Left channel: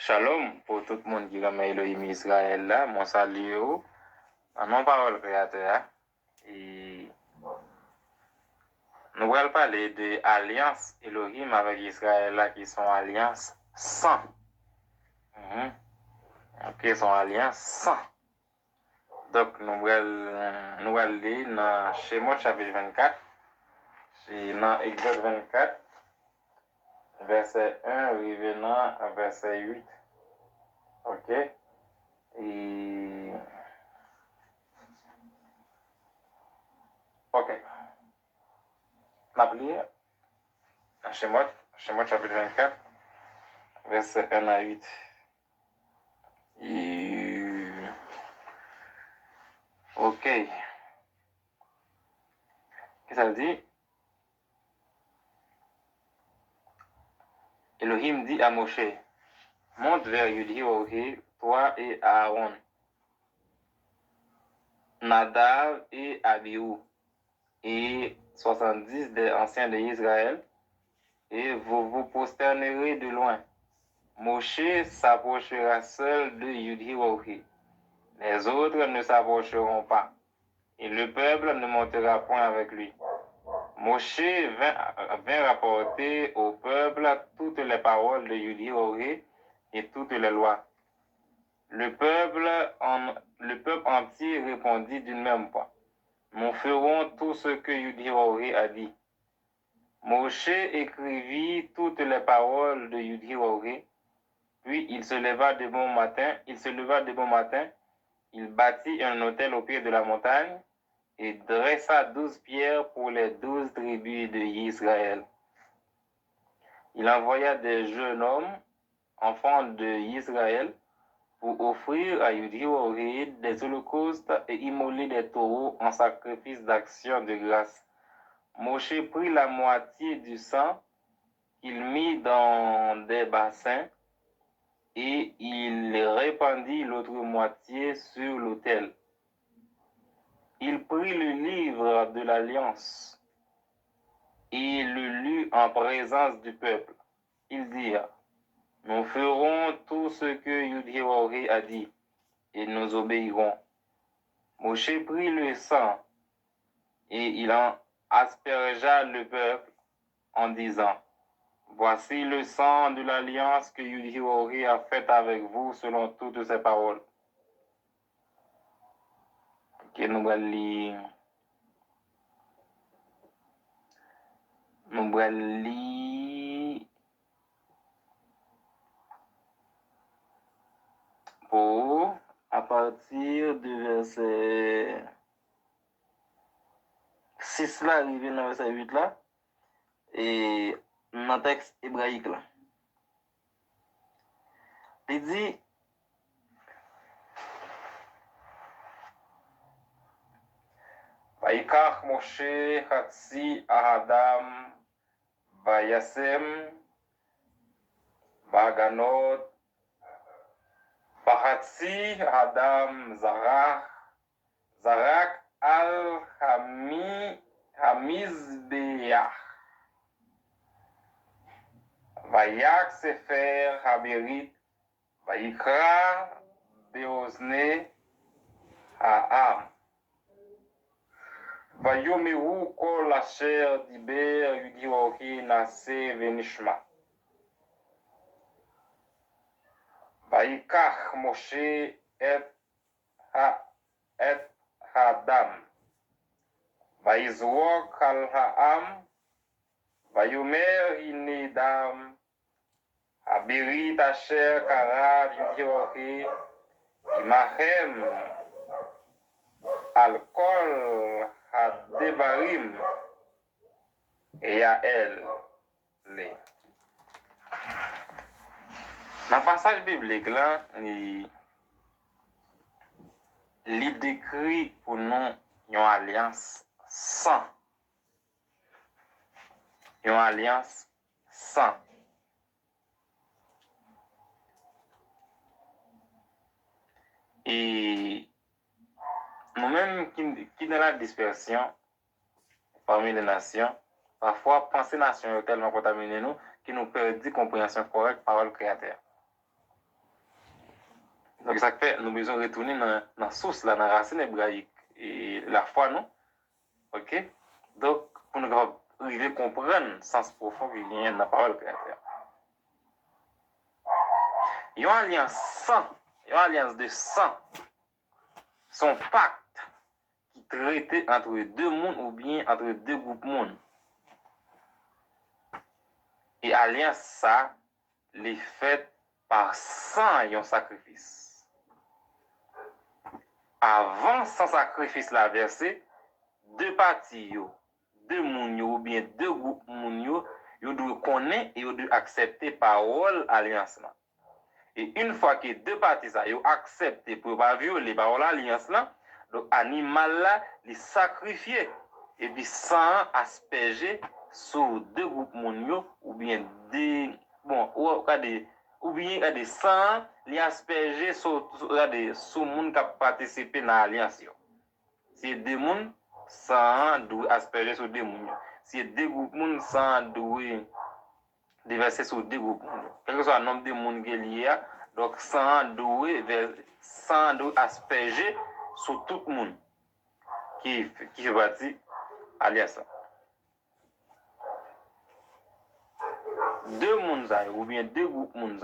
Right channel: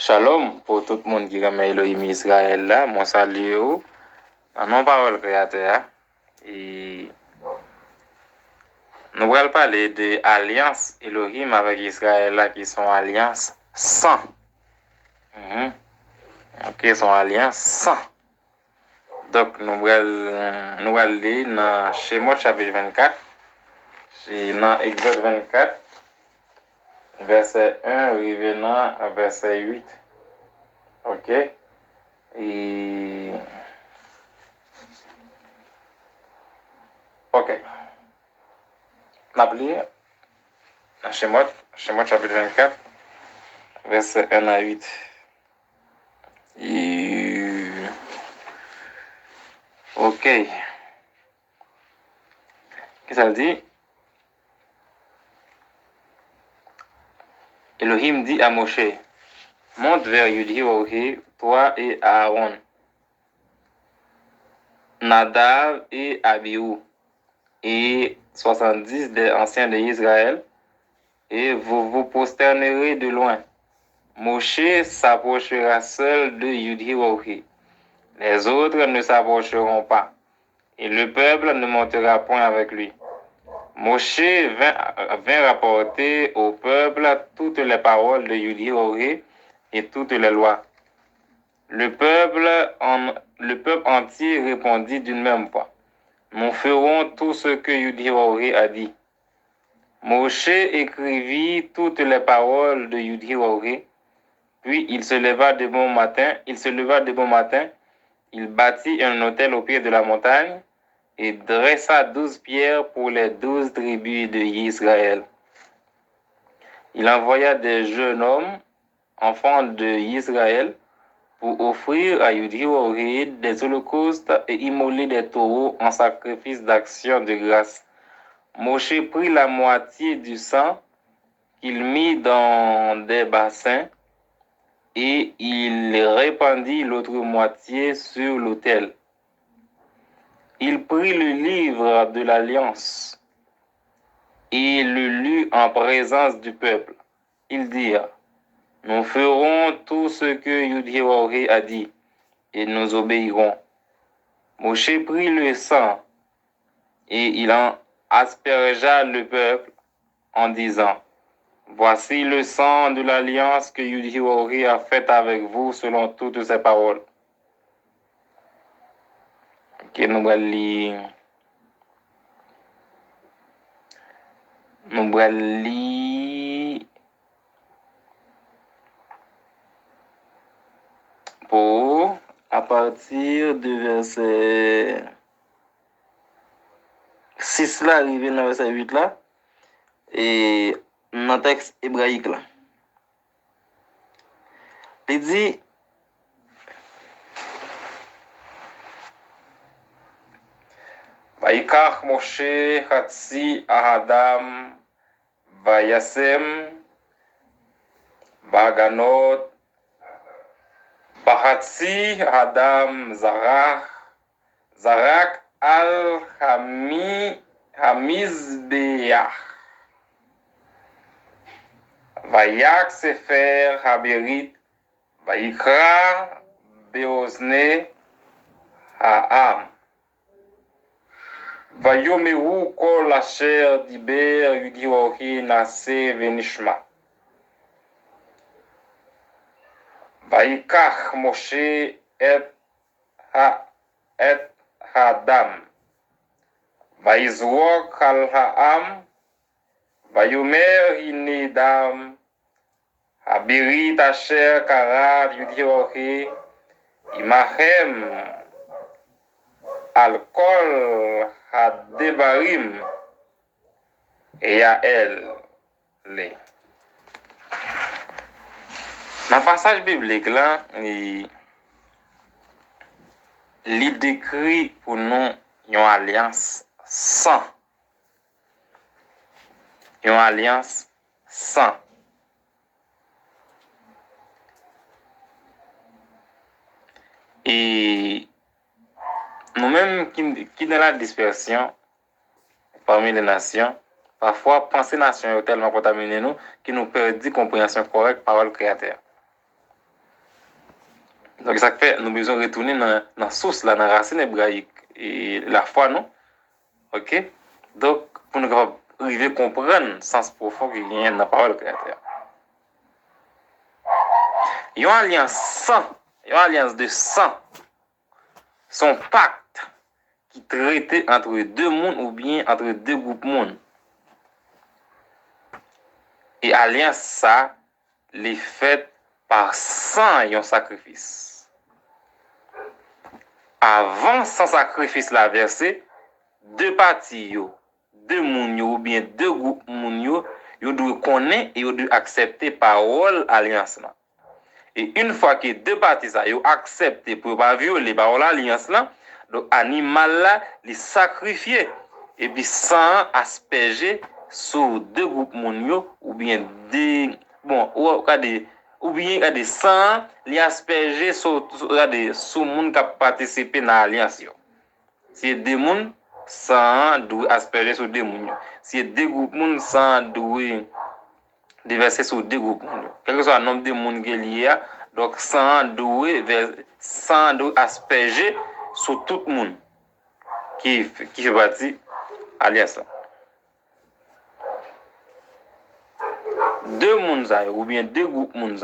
Shalom pour tout le monde qui remet Elohim Israël là. Mon salut au nom parole créateur. Et nous allons parler de alliance Elohim avec Israël là qui sont alliance sans. Ok, sont alliance sans. Donc nous allons lire dans Shemot chapitre 24. C'est dans Exode 24, verset 1, revenant à verset 8. Ok? Et ok. N'oubliez, dans Shemot chapitre 24, verset 1 à 8. Et ok. Qu'est-ce que ça dit? Elohim dit à Moshe, monte vers Yudhi-Ohi, toi et Aaron, Nadav et Abihu, et 70 des anciens d'Israël, et vous vous prosternerez de loin. Moshe s'approchera seul de Yudhi-Ohi. Les autres ne s'approcheront pas, et le peuple ne montera point avec lui. Moshe vint rapporter au peuple toutes les paroles de Yudhi-Ohi et toutes les lois. Le peuple entier répondit d'une même voix. Nous ferons tout ce que Yudhi-Ohi a dit. Moshe écrivit toutes les paroles de Yudhi-Ohi, puis il se leva de bon matin, il bâtit un autel au pied de la montagne et dressa 12 pierres pour les 12 tribus d'Israël. Il envoya des jeunes hommes, enfants d'Israël, pour offrir à Yudhi-Ohi des holocaustes et immoler des taureaux en sacrifice d'action de grâce. Moshe prit la moitié du sang qu'il mit dans des bassins et il répandit l'autre moitié sur l'autel. Il prit le livre de l'Alliance et le lut en présence du peuple. Ils dirent, nous ferons tout ce que Yudhi-Ohi a dit et nous obéirons. Moshe prit le sang et il en aspergea le peuple en disant, voici le sang de l'alliance que Yudhi-Ohi a faite avec vous selon toutes ses paroles. Ok, nous allons lire pour à partir de verset 6 là, arrivé dans verset 8 là, et dans le texte hébraïque là. Il dit, Vaikach Moshe Hatsi Ahadam Vayasem Baganot Bahatsi Adam Zarak al Hamizbeach Vayak Sefer Haberit Vaikra Beozne Ha'am Vayomeru kol asher diber Yudhi-Ohi nase venishma. Vaikach Moshe et Hadam. Vaizrok al ha'am. Vayomer hinedam. Habirit asher karat Yudhi-Ohi. Imahem al kol hadevarim. Yael le. Dans le passage biblique, là, il décrit pour nous une alliance sans. Une alliance sans. Et nous-mêmes qui dans la dispersion parmi les nations, parfois penser nation est tellement contaminée nous qui nous perdit compréhension correcte par le Créateur. Donc, ça fait, nous besoin retourner dans la source, là, dans la racine hébraïque, et la foi, non? OK? Donc, pour nous arriver à comprendre le sens profond qu'il y a dans la parole créateur. Il y a une alliance de sang, son pacte qui traitait entre deux mondes ou bien entre deux groupes mondes. Et alliance ça, les faite par sang et un sacrifice. Avant sans sacrifice la versé, deux parties deux moun ou bien deux groupes moun yo doivent connaître et doivent accepter parole alliance là. Et une fois que deux parties ça yo accepté pour pas violer parole alliance là, donc animal là les sacrifier et puis sans asperger sur deux groupes moun yo ou bien des bon ou bien des sang les asperger sur moun qui a participé dans l'alliance yo. Si deux moun sans doit asperger sur deux moun. Si deux groupes moun sans doit déverser sur deux groupes moun. Quel que soit le nombre de moun qui est lié, donc sans doit asperger sur tout le monde qui fait partie alliance. Deux moun ou bien deux groupes moun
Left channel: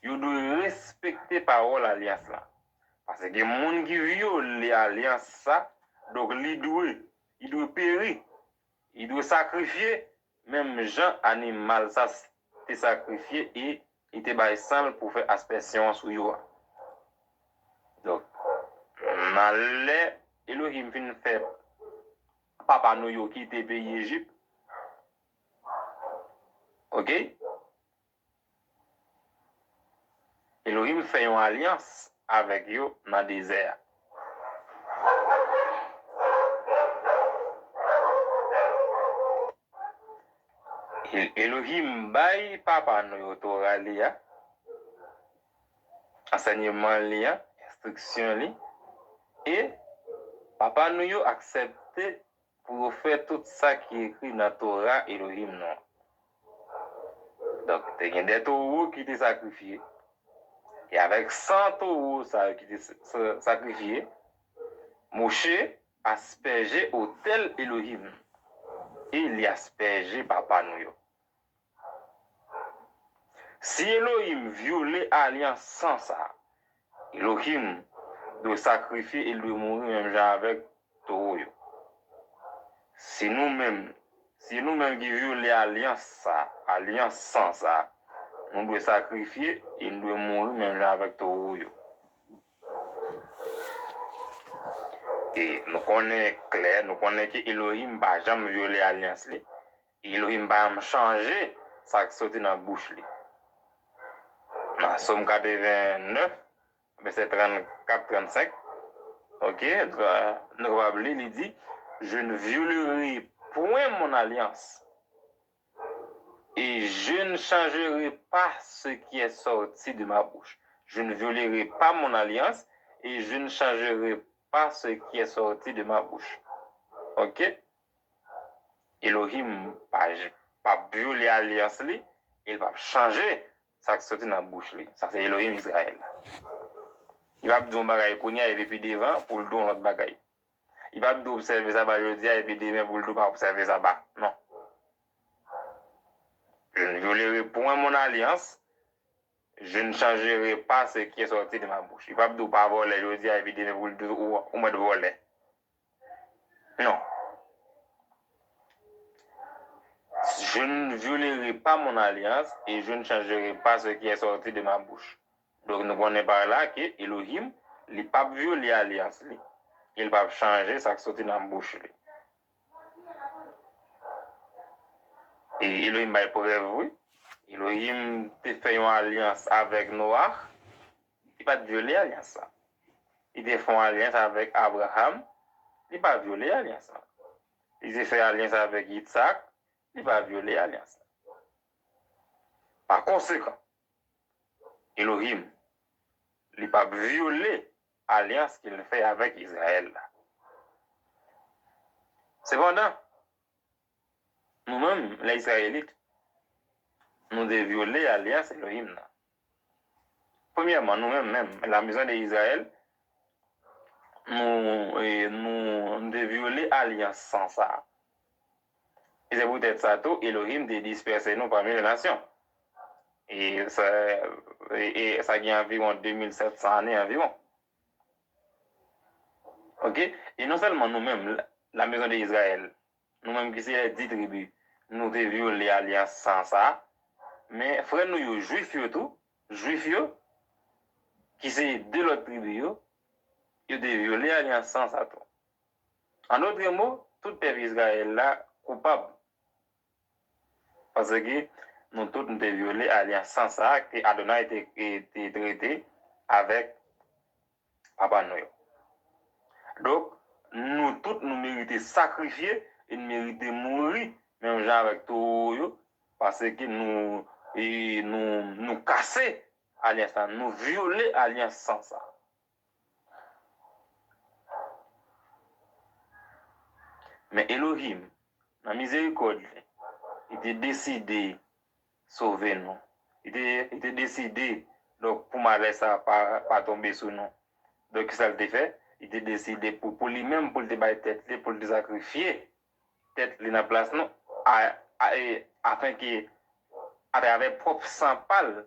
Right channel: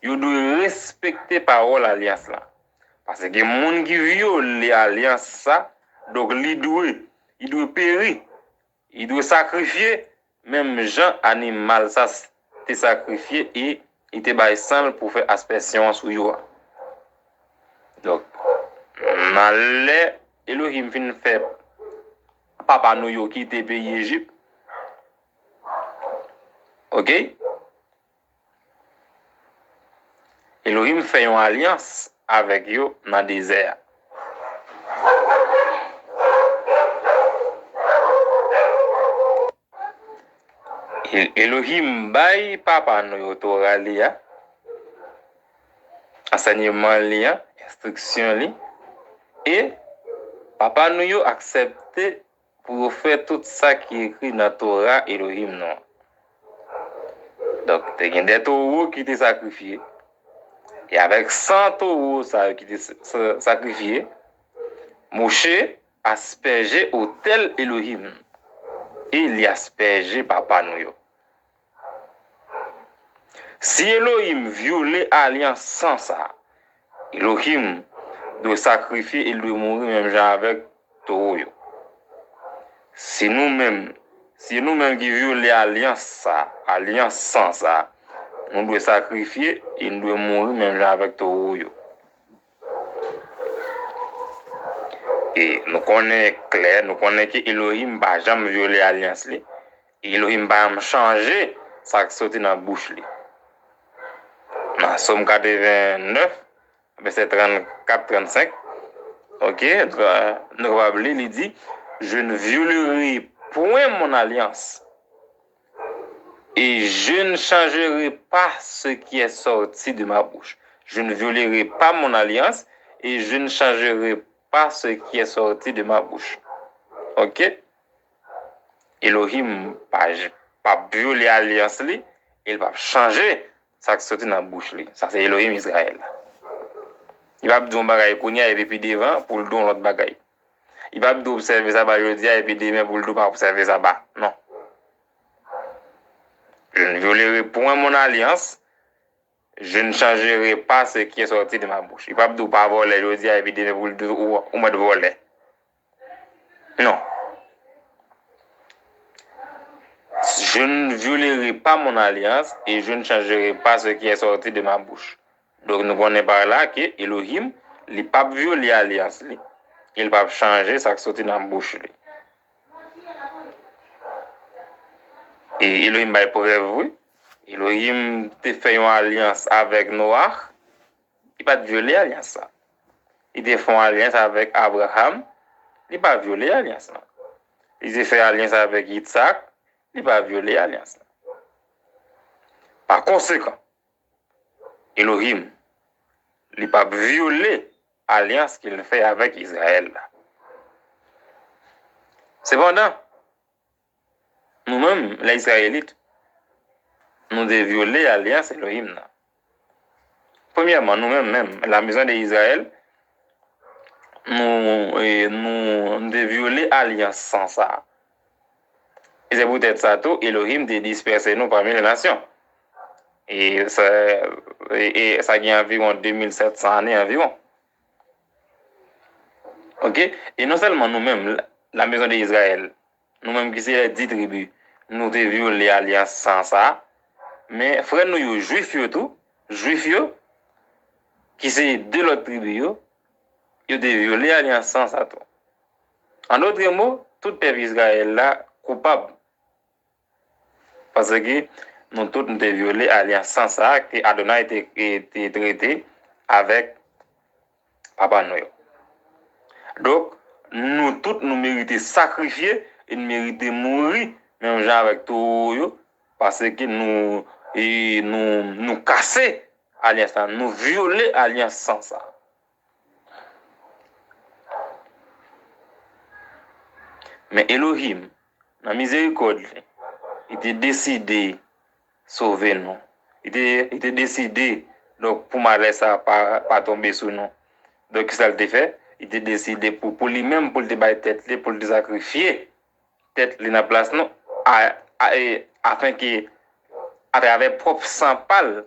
ils doivent respecter parole alliance là. Parce que moun qui viole l'alliance ça, donc il doit périr, il doit sacrifier, même gens animal ça te sacrifié et il te bail sang pour faire aspersion sur yo. Donc malé Elohim fin fait papa nou yo qui te pays Égypte. OK? Elohim fait une alliance avec yo dans le désert. Elohim bay papa nou yo Torah li ya, enseignement li ya, instruction li, et papa nou yo accepté pour faire tout ça qui est écrit dans Torah Elohim non. Donc, il y a des taureaux qui étaient sacrifiés. Et avec 100 taureaux qui étaient sacrifiés, Moshe aspergé au tel Elohim. Et il y aspergé papa nou yo. Si Elohim violait l'alliance sans ça, Elohim doit sacrifier et doit mourir même genre avec taureau. Si nous-mêmes qui violons l'alliance sans ça, nous devons sacrifier et nous devons mourir même genre avec taureau. Et nous connaissons clair, nous connaissons que Elohim va jamais violer l'alliance. Elohim va changer ça qui sort dans la bouche. Dans Somme 89, verset 34-35, ok, nous allons lire, il dit, je ne violerai point mon alliance et je ne changerai pas ce qui est sorti de ma bouche. Je ne violerai pas mon alliance et je ne changerai pas ce qui est sorti de ma bouche. Ok? Elohim pas violer l'alliance, il va changer ça qui sorti dans la bouche. Ça, c'est Elohim Israël. Il va dire un bagay kounya et puis devant pour le don l'autre bagay. Il va dire observer ça ba jodi et puis demain pour le don pas observer ça ba. Non. Je ne violerai point mon alliance. Je ne changerai pas ce qui est sorti de ma bouche. Il va dire pas voler jodi et puis demain pour le don ou moi de voler. Non. Je ne violerai pas mon alliance et je ne changerai pas ce qui est sorti de ma bouche. Donc nous connaissons par là que Elohim, il n'a pas violé l'alliance. Il va changer ça qui sorti dans la bouche. Et Elohim va preuve, Elohim te fait une alliance avec Noah, il n'a pas violé l'alliance. Il te fait une alliance avec Abraham, il n'a pas violé l'alliance. Il te fait une alliance avec Isaac, il n'a pas violé l'alliance. Par conséquent, Elohim, il n'a pas violé l'alliance qu'il fait avec Israël. Cependant, nous-mêmes, les Israélites, nous devons violer l'alliance Elohim. premièrement, nous-mêmes, la maison d'Israël, nous violé l'alliance sans ça. Et c'est peut-être ça tout, Elohim de disperser nous parmi les nations. Et ça gagne environ 2700 années environ. OK? Et non seulement nous-mêmes, la maison d'Israël, nous-mêmes qui sommes les 10 tribus, nous avons violé l'alliance sans ça, mais frère nous, juifs qui sont de l'autre tribu, ils ont violé l'alliance sans ça tout. En d'autres mots, tout peuple Israël là, coupable. Parce que nous tous nous avons violé l'alliance sans ça, que Adonai a été traité avec Papa Noël. Donc, nous tous nous méritons sacrifier et nous méritons mourir, même genre avec tout, parce que nous casser l'alliance, nous violer l'alliance sans ça. Mais Elohim, dans la miséricorde, il était décidé de sauver nous. Il était décidé, donc pour malheur ça pas tomber sur nous. Donc, ça le fait, il était décidé pour lui-même, pour le débat tête, pour le sacrifier, tête dans la place, non, afin que, à travers propre sang pâle,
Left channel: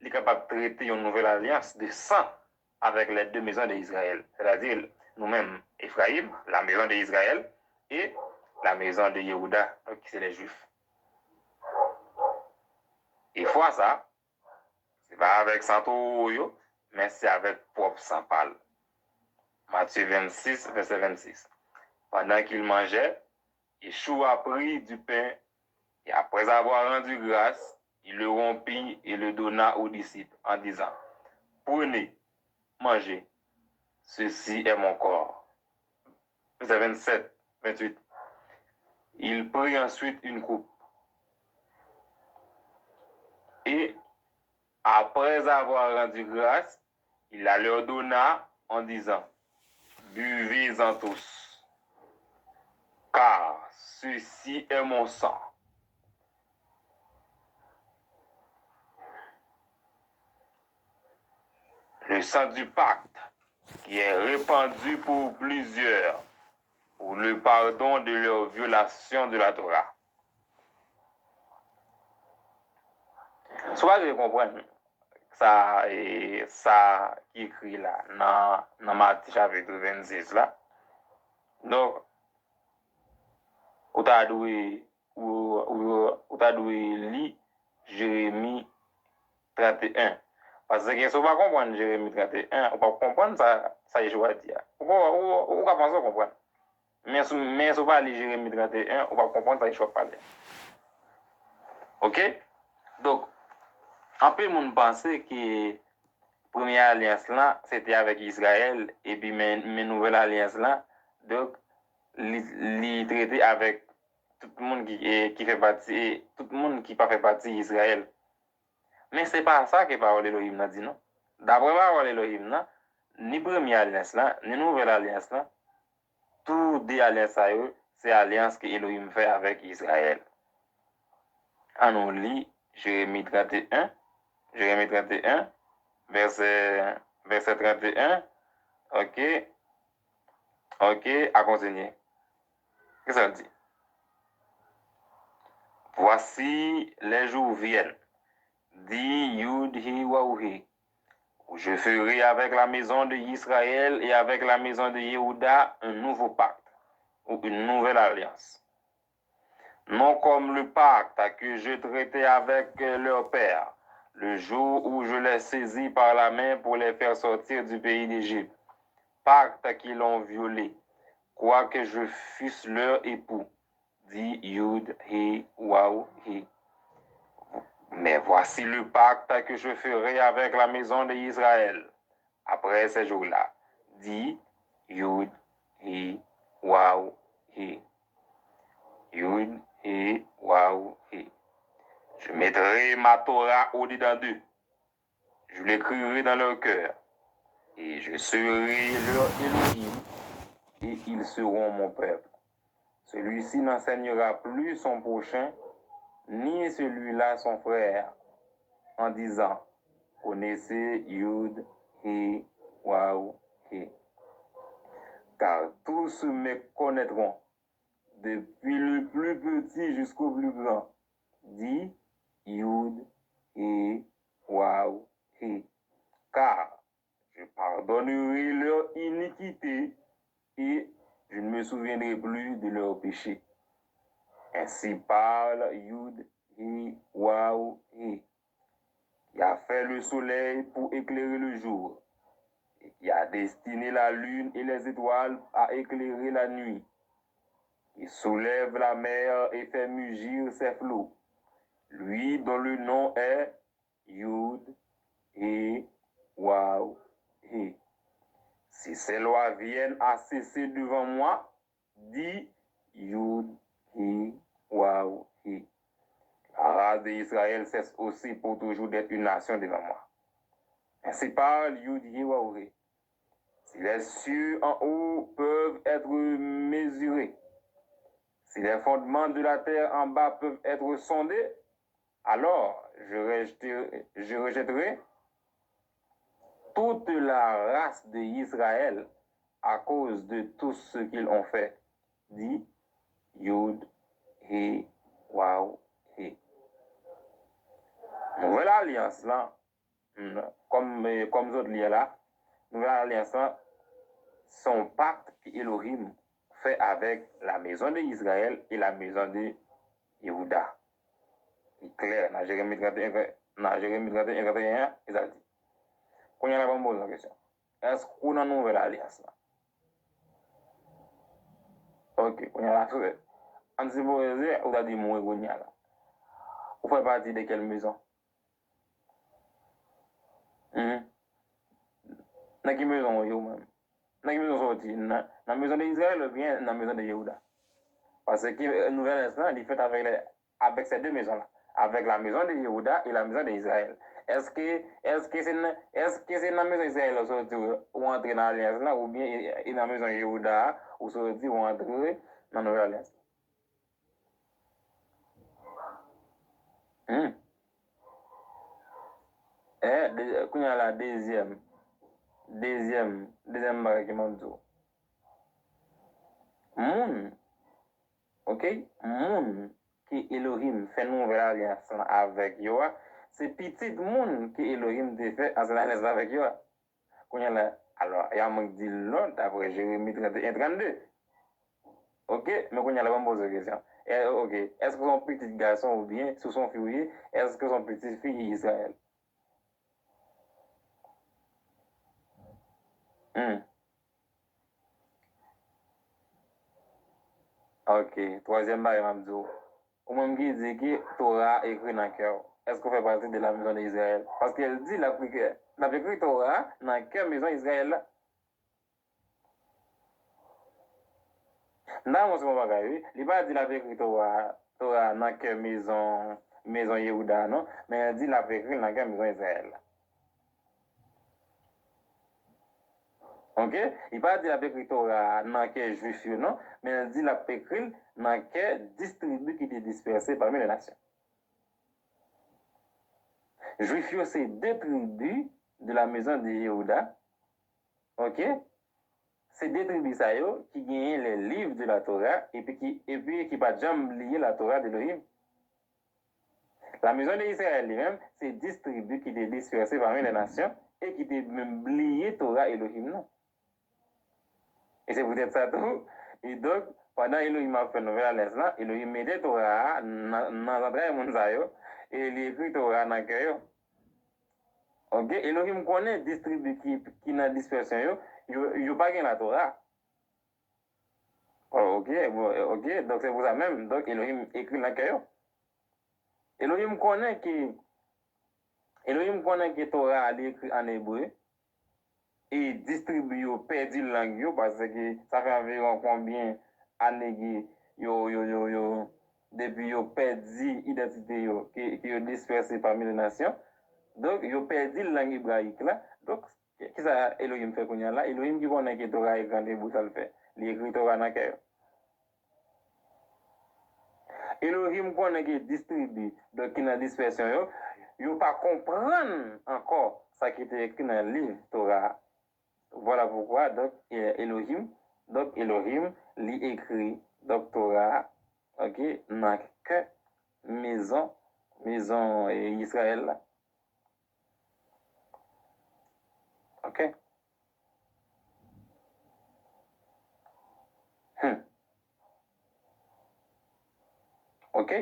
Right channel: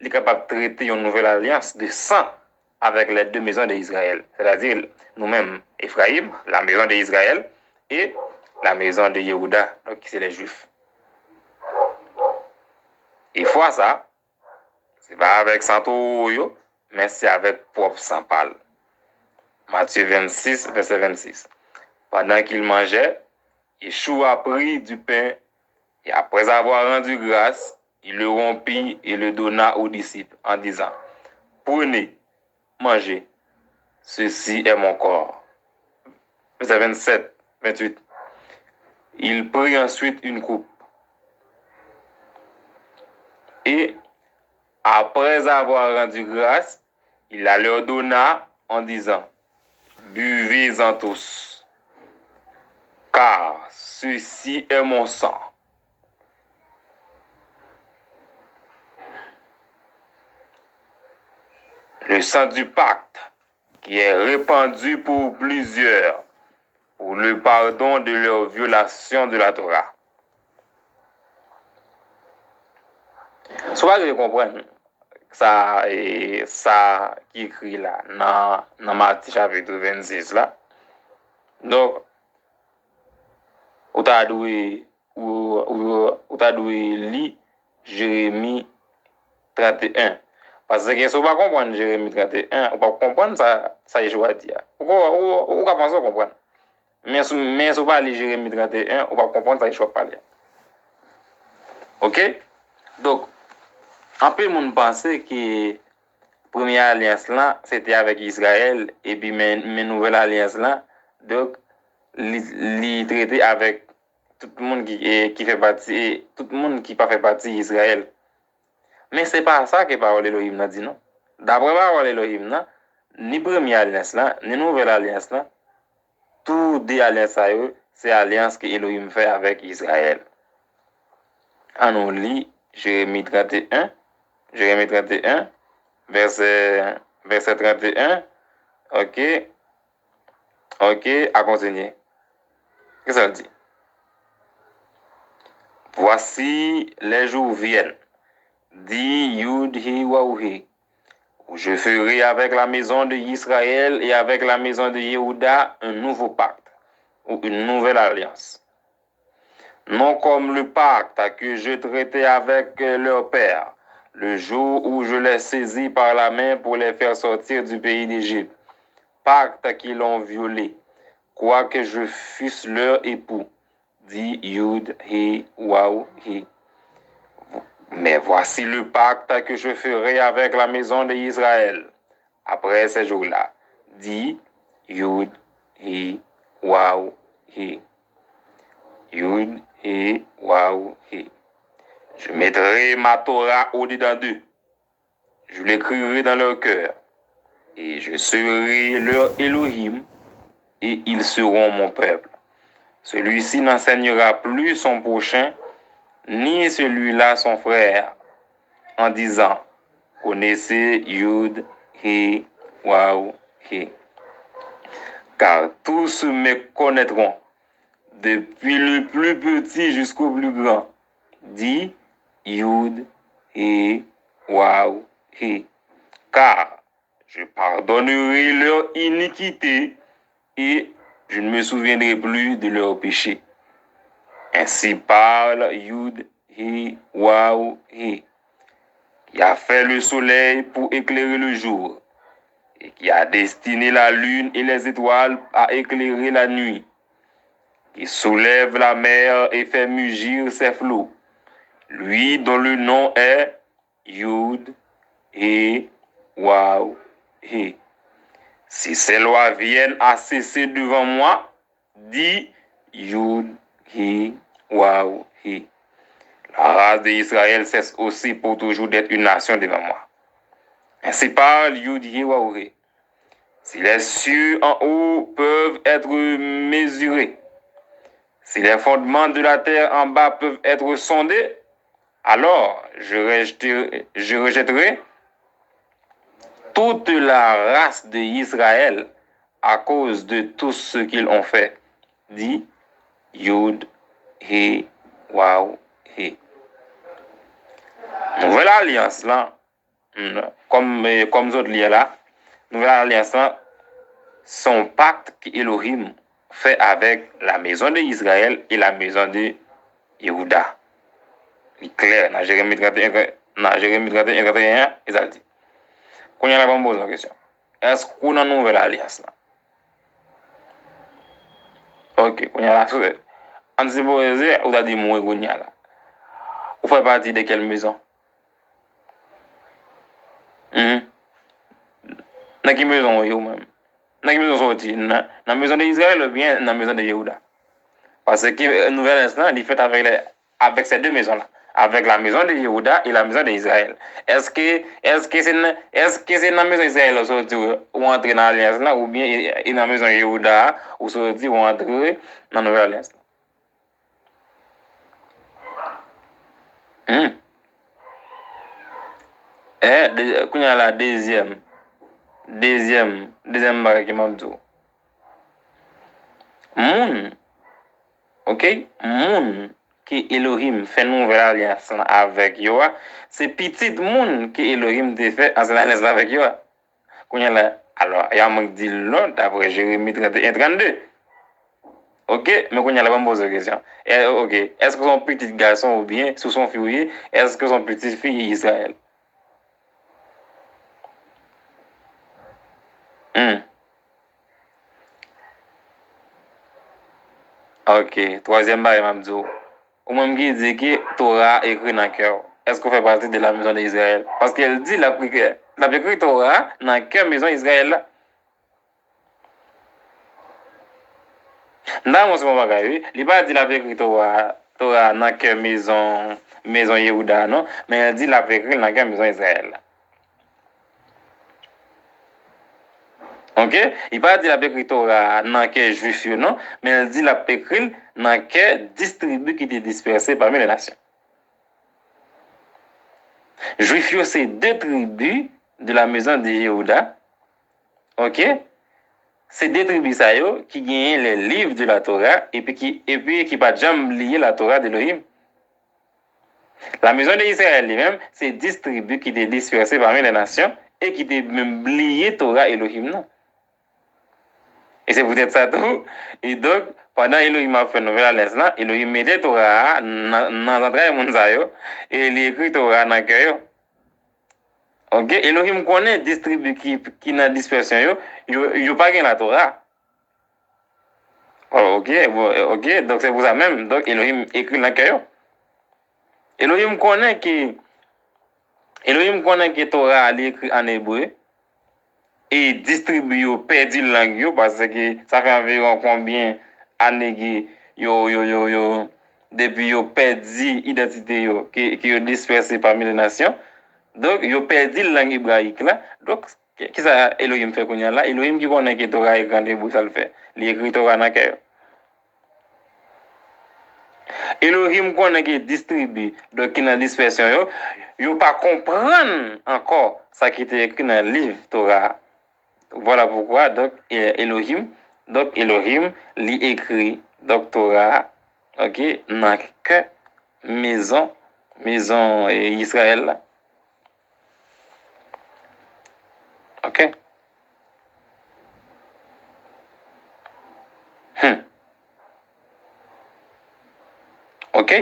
il est capable de traiter une nouvelle alliance de sang avec les deux maisons d'Israël. C'est-à-dire, nous-mêmes, Ephraïm, la maison d'Israël, et la maison de Yehuda, donc c'est les Juifs. Et fois ça, c'est pas avec Santo, mais c'est avec propre sang pâle. Matthieu 26, verset 26. Pendant qu'il mangeait, Yeshua prit du pain et après avoir rendu grâce, il le rompit et le donna aux disciples en disant, prenez, mangez, ceci est mon corps. Verset 27, 28. Il prit ensuite une coupe et après avoir rendu grâce, il la leur donna en disant, buvez-en tous, car ceci est mon sang. Le sang du pacte qui est répandu pour plusieurs pour le pardon de leur violation de la Torah. Soit je comprends ça et ça qui écrit là dans Matthieu chapitre 26 là. Donc ou t'a dû lire Jérémie 31. Parce que si vous ne comprenez pas Jérémie 31, vous ne pouvez pas comprendre ça Yeshua dit. Vous ne pouvez pas comprendre. Mais si vous ne comprenez pas Jérémie 31, vous ne pouvez pas comprendre ça Yeshua parle. OK? Donc, un peu de monde pensait que la première alliance là, c'était avec Israël, et puis mes nouvelles alliances là, donc, les traiter avec tout le monde qui fait partie, tout le monde qui pas fait partie d'Israël. Mais c'est pas ça que parole Elohim a dit, non? D'après parole Elohim, ni première alliance là, ni nouvelle alliance là, toutes les alliances à eux, c'est l'alliance que Elohim fait avec Israël. On lit Jérémie 31, verset 31, ok, à continuer. Qu'est-ce que ça dit? Voici les jours viennent, dit Yud Hi Wauhi, où je ferai avec la maison de Israël et avec la maison de Yehuda un nouveau pacte, ou une nouvelle alliance. Non comme le pacte que je traitais avec leur père, le jour où je les saisis par la main pour les faire sortir du pays d'Égypte, pacte qu'ils ont violé, quoique je fusse leur époux, dit Yud, He, Waou, He. Mais voici le pacte que je ferai avec la maison d'Israël après ces jours-là, dit Yud, He, Waou, He. Yud, He, Waou, He. Je mettrai ma Torah au-dedans d'eux. Je l'écrirai dans leur cœur. Et je serai leur Elohim, et ils seront mon peuple. Celui-ci n'enseignera plus son prochain, ni celui-là son frère, en disant, connaissez Yud, He, Waw, He. Car tous me connaîtront, depuis le plus petit jusqu'au plus grand. Dit Yud, He, Waw, He. Car je pardonnerai leur iniquité et je ne me souviendrai plus de leurs péchés. Ainsi parle Yud, He, Waw, He, qui a fait le soleil pour éclairer le jour, et qui a destiné la lune et les étoiles à éclairer la nuit, qui soulève la mer et fait mugir ses flots, lui dont le nom est Yud, He, Waw, He. Si ces lois viennent à cesser devant moi, dit Yud, He, Waw, He. La race d'Israël cesse aussi pour toujours d'être une nation devant moi. Ainsi parle Yud, He, Waw, He. Si les cieux en haut peuvent être mesurés, si les fondements de la terre en bas peuvent être sondés, alors je rejetterai toute la race d'Israël à cause de tout ce qu'ils ont fait. Dit Yud, He, Waw, He. Nouvelle alliance là, comme autres liens là, nouvelle alliance là, son pacte qu'Elohim fait avec la maison d'Israël et la maison de Yehuda. Il est clair, dans Jérémie 31, 31, il a dit. Quand il y a la bonne pose la question, est-ce qu'on a une nouvelle alliance là? Ok, quand il y a la chose, on s'est posé, on a dit, moi, qu'on y a là. Vous faites partie de quelle maison? Dans quelle maison vous-même? Dans quelle maison sorti? Dans la maison d'Israël ou bien dans la maison de Yehuda? Parce que la nouvelle instant, il est fait avec ces deux maisons-là. Avec la maison de Yehuda et la maison d'Israël. Est-ce que c'est dans la maison d'Israël ou entrer dans l'alliance là, ou bien dans la maison de Yehuda ou sorti ou entrer dans la nouvelle alliance? Quand il y a la deuxième barre qui m'a dit, moun, ok, moun qui Elohim fait nouvelle alliance avec Yoa, c'est petit moun qui Elohim te fait en alliance avec Yoa. Alors, il y a un dit là, d'après Jérémie 31, 32. Ok, mais quand il y a la bonne pose de question. Ok, est-ce que son petit garçon ou bien, sous son fille, est-ce que son petit fille est Israël? Ok, troisième barre, Mamdou. Ou même qui dit que Torah écrit dans le cœur. Est-ce qu'on fait partie de la maison d'Israël? Parce qu'elle dit la écrit Torah dans le cœur de la maison d'Israël. Dans mon second bagage, il n'a pas dit la écrit Torah dans le cœur de la maison Yehuda, non? Mais elle dit la écrit dans le cœur de la maison d'Israël. Ok? Il n'a pas dit la écrit Torah dans le cœur juif, non? Mais elle dit la écrit dans le cœur distribué qui était dispersé parmi les nations. Juifs, c'est deux tribus de la maison de Yehuda. Ok? C'est deux tribus qui gagnent les livres de la Torah et puis qui pas jamais lié la Torah d'Elohim. La maison d'Israël lui-même, c'est 10 tribus qui étaient dispersées parmi les nations et qui étaient même liées Torah Elohim. Non? Et c'est peut-être ça tout. Et donc, pendant Elohim a fait une nouvelle alliance, Elohim mettait Torah dans l'entrée de Mounzayo et il écrit Torah dans le cœur. Ok, Elohim connaît des tribus qui dans dispersion yo pas gain la Torah. Oh, ok, donc c'est pour ça même. Donc Elohim écrit dans le cœur. Elohim connaît que Torah est écrit en hébreu et distribue yo perdu langue parce que ça fait environ combien années yo depuis yo perdu identité qui yo dispersé parmi les nations. Donc, ils ont perdu la langue hébraïque là. Donc, qu'est-ce que Elohim fait qu'on y a là? Elohim qui connaît que Torah est grande et ça le fait. Il écrit Torah dans le cœur. Elohim connaît qui distribue, donc qui dans dispersion, yo pas comprendre encore ça qui était écrit dans le livre Torah. Voilà pourquoi donc Elohim lui écrit donc Torah, ok, dans que maison Israël là. Ok. Ok.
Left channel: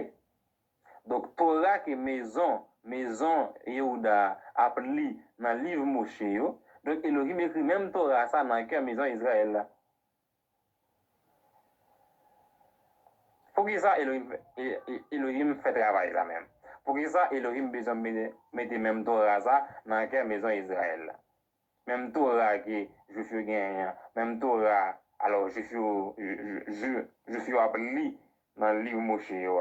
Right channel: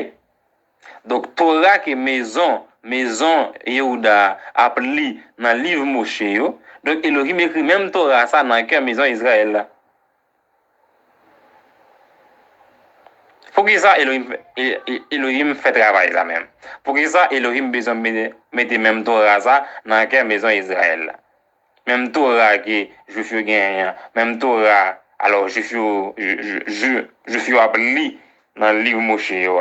Donc Torah qui maison Yehuda appelé dans le livre Moshe yo. Donc Elohim écrit même Torah ça dans que maison Israël là. Pour que ça Elohim fait travail ça même. Pour que ça Elohim besoin mettre même Torah ça dans que maison Israël là. Même Torah que je suis gagné, même Torah alors je suis appelé dans le livre Moshe yo.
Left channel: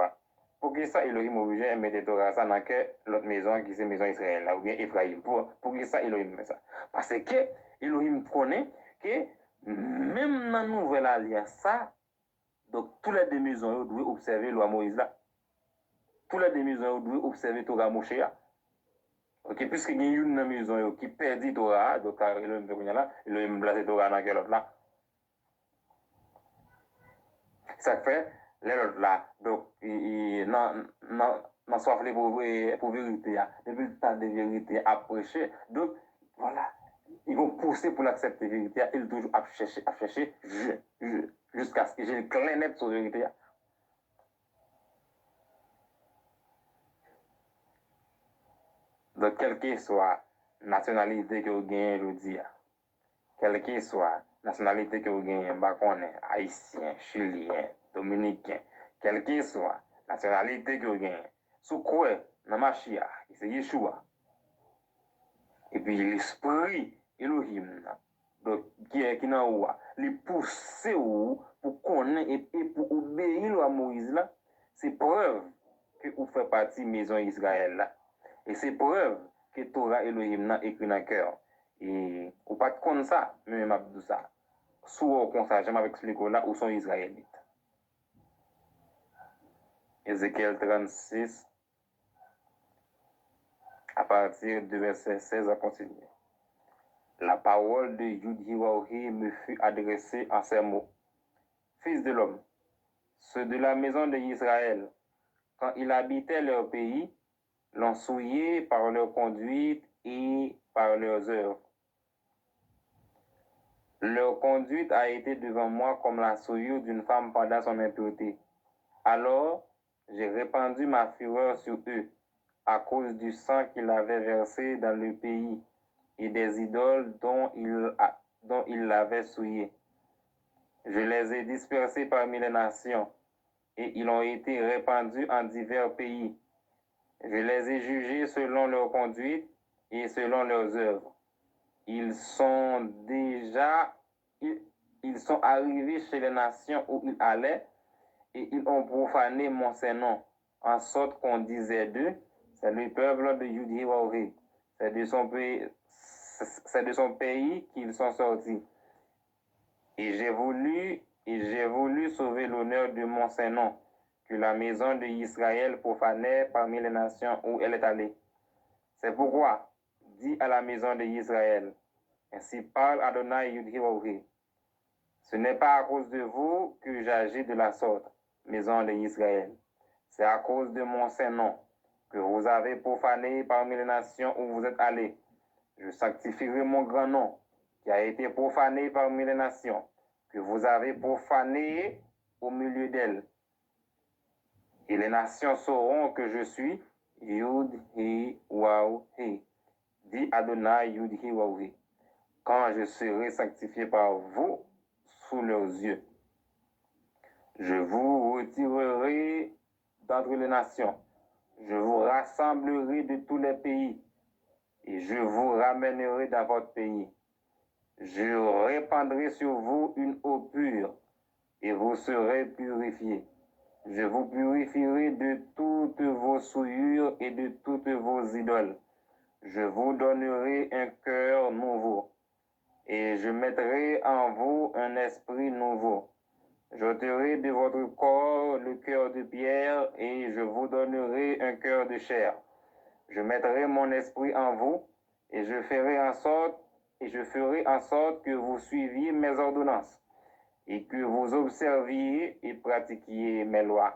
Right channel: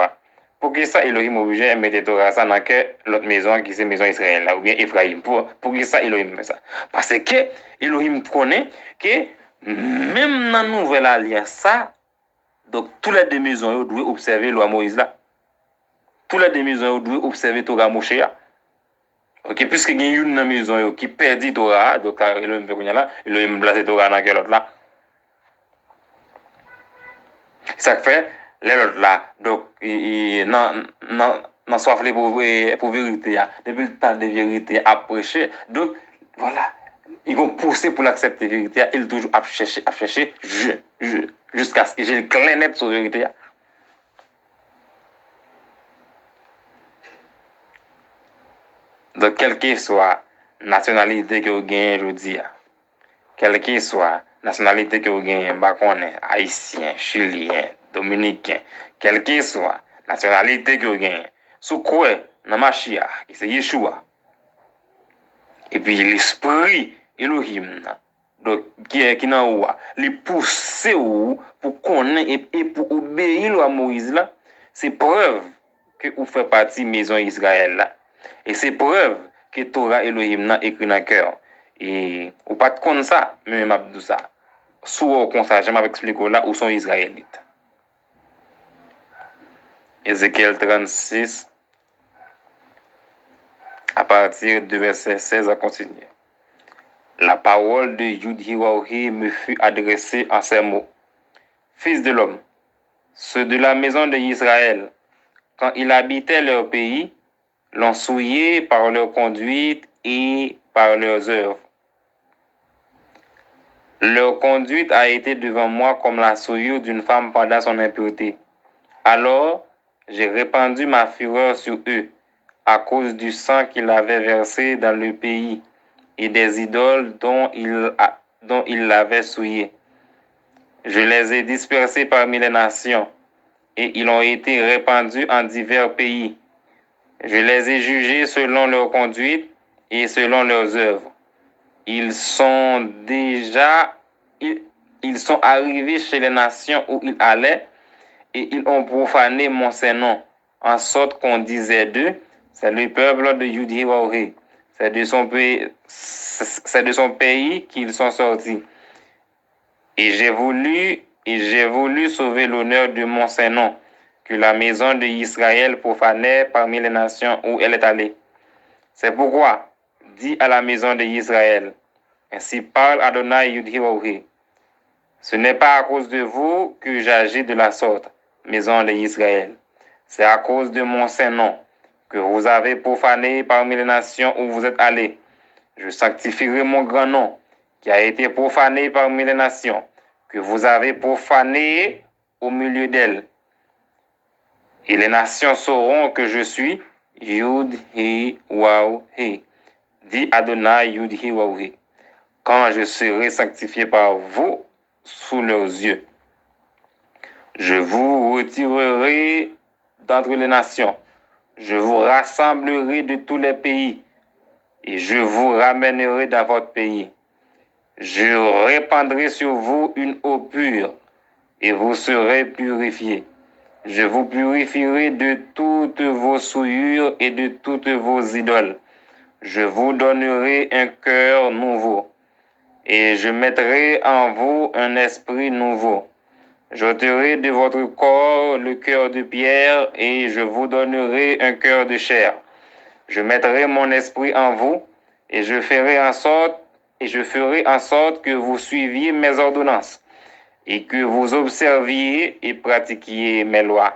Pour que ça, Elohim obligé de mettre Torah ça dans l'autre maison qui c'est maison Israël là, ou bien Ephraim. Pour que ça, Elohim fait ça. Parce que Elohim connaît que même dans la nouvelle alliance, ça, donc toutes les deux maisons doivent observer la loi Moïse là. Toutes les deux maisons doivent observer Torah Moshe là. Ok, puisque il y a une maison qui perdit Torah, donc Elohim fait là, Elohim place Torah dans l'autre là. Ça fait l'autre là, donc non soif pour vérité, depuis le temps de vérité à prêcher, donc voilà, ils vont pousser pour l'accepter vérité, ils toujours à chercher, jusqu'à ce que j'ai le clair net sur vérité. Donc, quelle que soit nationalité que vous gagnez, je dis, quelle que soit nationalité que vous gagnez, haïtien, chilien, dominicain, quelle que soit nationalité que vous gagnez, sous quoi, dans ma chia, qui c'est Yeshua, et puis l'esprit Elohim, donc, qui est dans ou, les pousser ou pour connaître et pour obéir à Moïse là, c'est preuve que vous faites partie de la maison Israël là. Et c'est preuve que Torah Elohim n'a écrit dans le cœur. Et ou pas de comme ça, mais m'a dit ça. Sous comme ça, je m'explique là où sont Israélites. Ézéchiel 36, à partir du verset 16 à continuer. La parole de Yud-Hiraohi me fut adressée en ces mots. Fils de l'homme, ceux de la maison d'Israël, quand ils habitaient leur pays, l'ont souillé par leur conduite et par leurs œuvres. Leur conduite a été devant moi comme la souillure d'une femme pendant son impureté. Alors, j'ai répandu ma fureur sur eux à cause du sang qu'ils avaient versé dans le pays et des idoles dont ils l'avaient souillé. Je les ai dispersés parmi les nations et ils ont été répandus en divers pays. Je les ai jugés selon leur conduite et selon leurs œuvres. Ils sont arrivés chez les nations où ils allaient et ils ont profané mon Saint-Nom, en sorte qu'on disait d'eux, c'est le peuple de Yudhiwaori, c'est de son pays qu'ils sont sortis. Et j'ai voulu sauver l'honneur de mon Saint-Nom, que la maison d'Israël profanait parmi les nations où elle est allée. C'est pourquoi, dis à la maison d'Israël, ainsi parle Adonai Yudhiwaori. Ce n'est pas à cause de vous que j'agis de la sorte, maison d'Israël. C'est à cause de mon Saint-Nom que vous avez profané parmi les nations où vous êtes allés. Je sanctifierai mon grand nom qui a été profané parmi les nations, que vous avez profané au milieu d'elles. Et les nations sauront que je suis Yud-Hi-Waw-Hi. Dit Adonai Yud-Hi-Waw-Hi. Quand je serai sanctifié par vous sous leurs yeux, je vous retirerai d'entre les nations. Je vous rassemblerai de tous les pays et je vous ramènerai dans votre pays. Je répandrai sur vous une eau pure et vous serez purifiés. Je vous purifierai de toutes vos souillures et de toutes vos idoles. Je vous donnerai un cœur nouveau et je mettrai en vous un esprit nouveau. J'ôterai de votre corps le cœur de pierre et je vous donnerai un cœur de chair. Je mettrai mon esprit en vous et je ferai en sorte que vous suiviez mes ordonnances et que vous observiez et pratiquiez mes lois.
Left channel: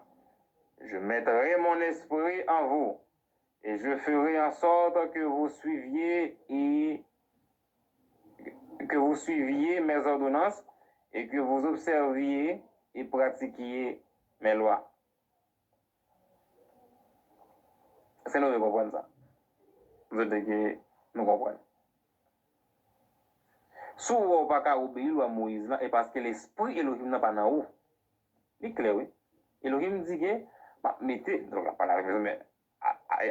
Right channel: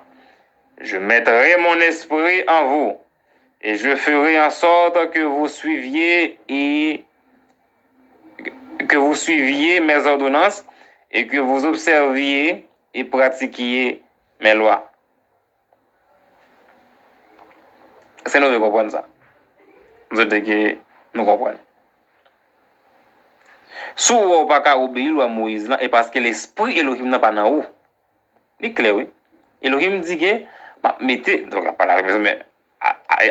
Je mettrai mon esprit en vous et je ferai en sorte que vous suiviez mes ordonnances et que vous observiez et pratiquiez mes lois. C'est nous de comprendre ça. Vous êtes que nous comprenons. Si vous n'avez pas obéir à Moïse, et parce que l'esprit Elohim n'a pas dans vous. C'est clair, oui. Elohim dit que, mettez, donc pas la maison, mais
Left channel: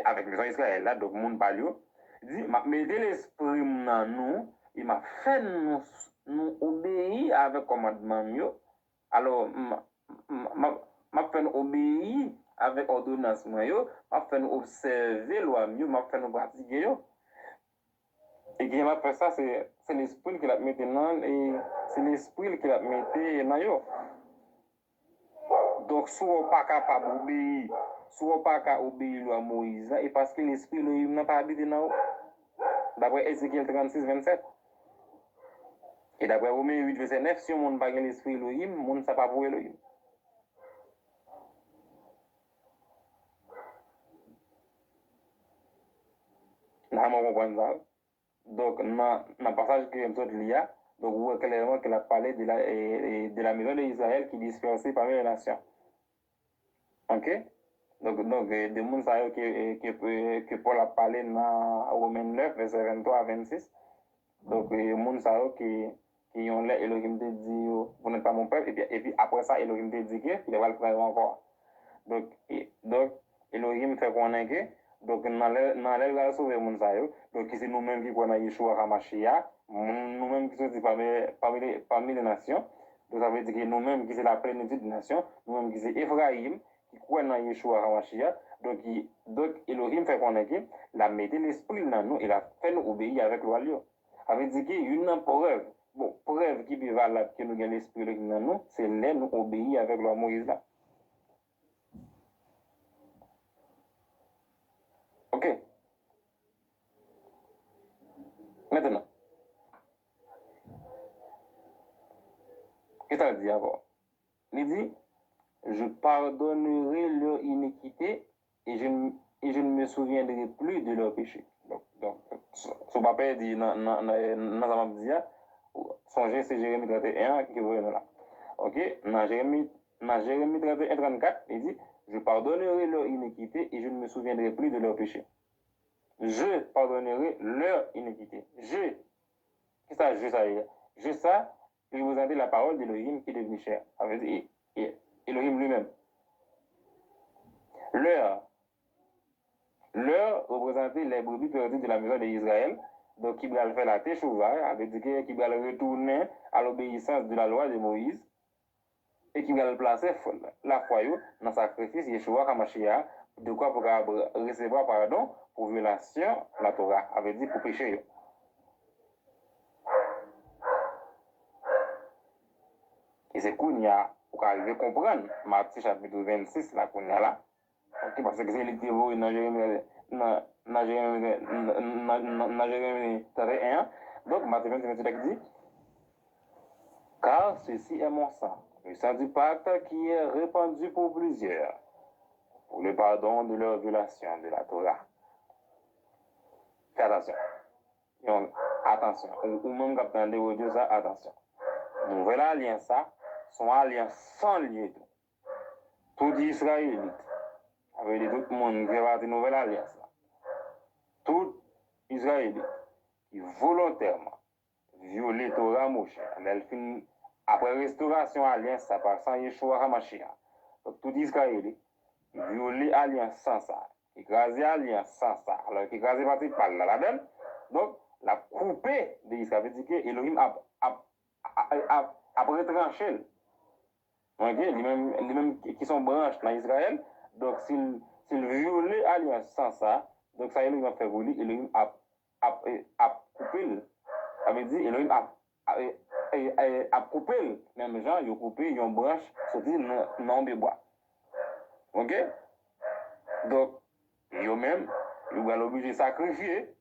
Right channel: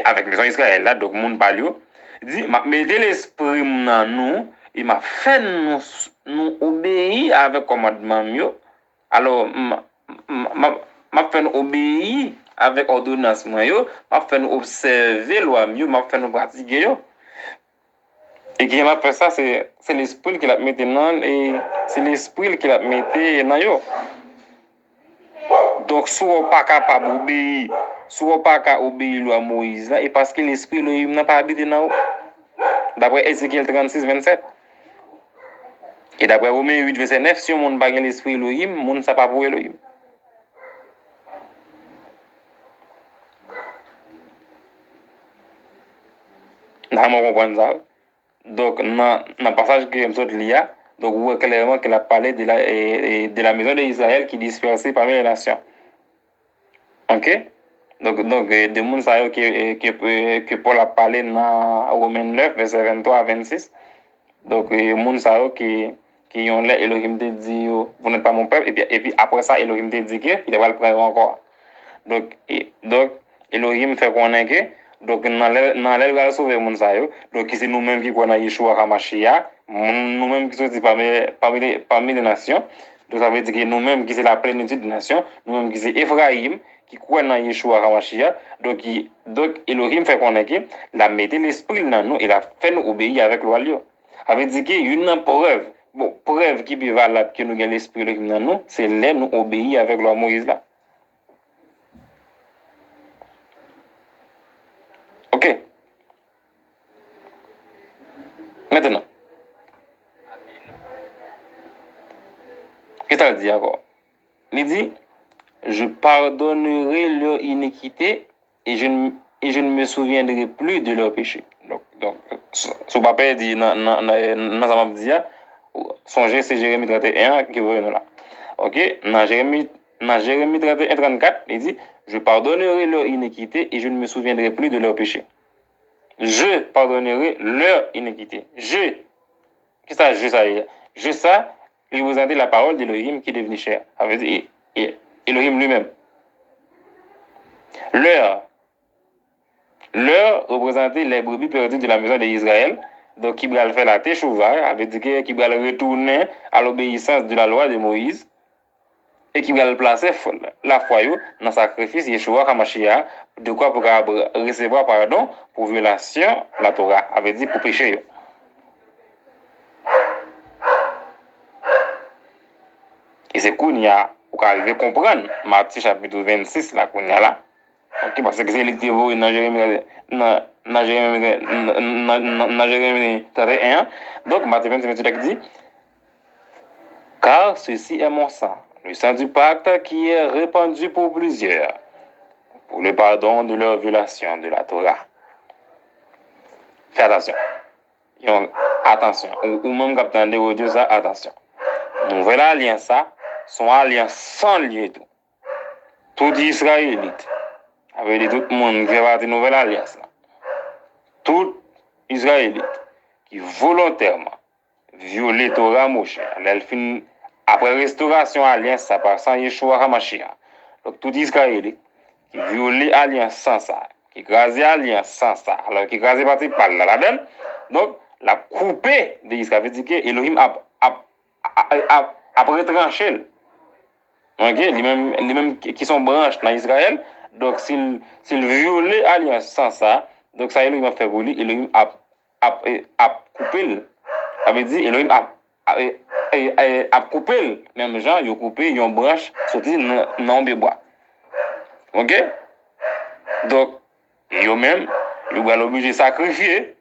avec maison Israël, là, donc mon palio, dit, mettez l'esprit dans nous, il m'a fait nous obéir avec commandement mieux. Alors, m'a fait nous obéir avec ordonnance mieux, m'a fait nous observer loi mieux, m'a fait nous pratiquer yo. Et qui m'a fait ça, c'est l'esprit qui l'a mis dans et c'est l'esprit qui l'a mis dans yo. Donc, si on n'est pas capable d'obéir, si on n'est pas capable d'obéir à Moïse, et parce que l'esprit Elohim n'a pas habité dans vous. D'après Ézéchiel 36, 27. Et d'après Romains 8, verset 9, si on n'a pas l'esprit Elohim, on ne sait pas pour Elohim. Nous comprenons ça. Donc, dans le passage que je lis, donc, vous voyez clairement qu'il a parlé de la maison d'Israël qui est dispersée parmi les nations. Ok? Donc de monde que Paul a parlé dans Romains 9, verset 23 à 26. Donc, monde qui ont l'air, Elohim te dit, vous n'êtes pas mon peuple. Et puis après ça, Elohim te dit qu'il va le prendre encore. Donc, Elohim fait connaître que, donc, dans l'aile, va sauver monde ça. Donc, c'est nous-mêmes qui connaissons Yeshua HaMashiach, nous-mêmes qui sommes parmi les nations. Donc, ça veut dire que nous-mêmes qui sommes la plénitude des nations, nous-mêmes qui sommes Ephraïm, qui croit dans Yeshua HaMashiach. Donc, Elohim fait connaître que, la mettait l'esprit dans nous, il a fait nous obéir avec loi. Ça veut dire qu'il y a une preuve. Bon, preuve qui est valable que nous avons l'esprit dans nous, c'est là nous obéir avec loi Moïse là. Ok. Maintenant, qu'est-ce qu'il dit encore? Il dit, je pardonnerai leur iniquité et je ne me souviendrai plus de leur péché. Donc ce papa dit dans sa dit, songez, c'est Jérémie 31 qui veut là. Ok? Dans Jérémie 31, 34, il dit, je pardonnerai leur iniquité et je ne me souviendrai plus de leur péché. Je pardonnerai leur iniquité. Qu'est-ce que ça veut dire? Je ça, il vous a dit la parole d'Elohim qui est devenu cher. Ça veut dire Elohim lui-même. Leur représentait les brebis perdues de la maison d'Israël. Donc, qui va faire la teshuva, ça veut dire qu'il va retourner à l'obéissance de la loi de Moïse et qui va placer la foi dans le sacrifice Yeshua HaMashiach, de quoi pour recevoir pardon pour violation de la Torah, ça veut dire pour péché. Et c'est qu'on y a, pour arriver à comprendre, Matthieu chapitre 26, là, qu'on y a là. Ok, parce que c'est l'écriture dans Jérémie 31. Donc, Matthieu 26, dit, car ceci est mon sang, le sang du pacte qui est répandu pour plusieurs, pour le pardon de leur violation de la Torah. Fais attention. Attention. Ou même quand tu entends ça, attention. Nouvelle alliance, ça, son alliance sans lieu tout. Tout Israélite, avec tout le monde qui fait partie de nouvelle alliance, là. Tout Israélite qui volontairement viole Torah Moshe, après restauration alliance, ça par sans Yeshua HaMashiach. Donc tout Israélite qui viole alliance sans ça, qui crase alliance sans ça, alors qui crase partie par la donne, donc la coupée de Israël veut dire que Elohim a retranché. Ok, les mêmes qui sont branches dans Israël, donc s'il viole l'alliance sans ça, donc ça Elohim a fait pour lui, Elohim a coupé. Ça veut dire Elohim a coupé, même gens, ils ont coupé une branche sorti dans le bois. OK? Donc, ils même, ils vont obligé de sacrifier.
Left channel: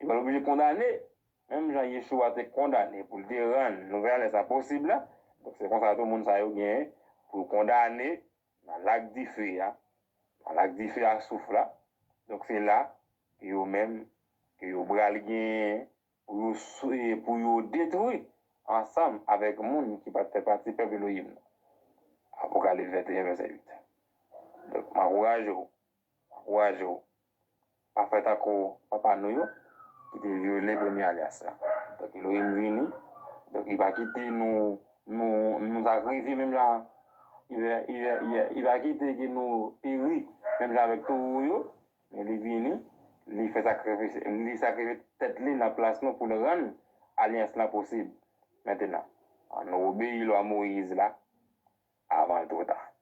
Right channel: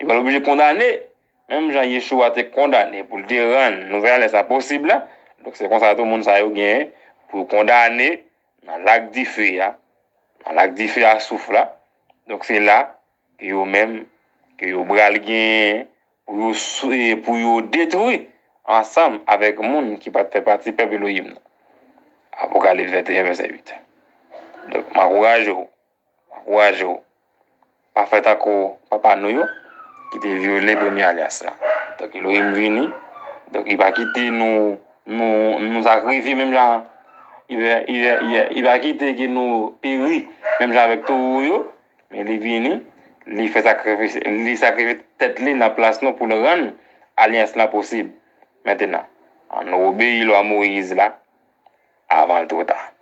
Ils vont obligé de condamner. Même Jean-Yeshua a été condamné pour le dire, nous allons ça possible. Donc, c'est comme ça que tout le monde a gagné pour condamner dans le lac d'Ifé, dans le lac d'Ifé à souffle. Donc, c'est là que eux-mêmes, que eux bral gagné pour détruire ensemble avec le monde qui fait partie du peuple Elohim. Apocalypse 21, verset 8. Donc, je m'encourage. Pas fait encore papa nous, qui était violé premier alias là. Donc, il est venu. Donc, il va quitter nous sacrifier, même là. Il va quitter que nous périr, même là avec tout, mais il est venu. Il fait sacrifice, il sacrifie tête dans la place pour le rendre alliance là possible. Maintenant, on obéit à Moïse là, avant le trop tard.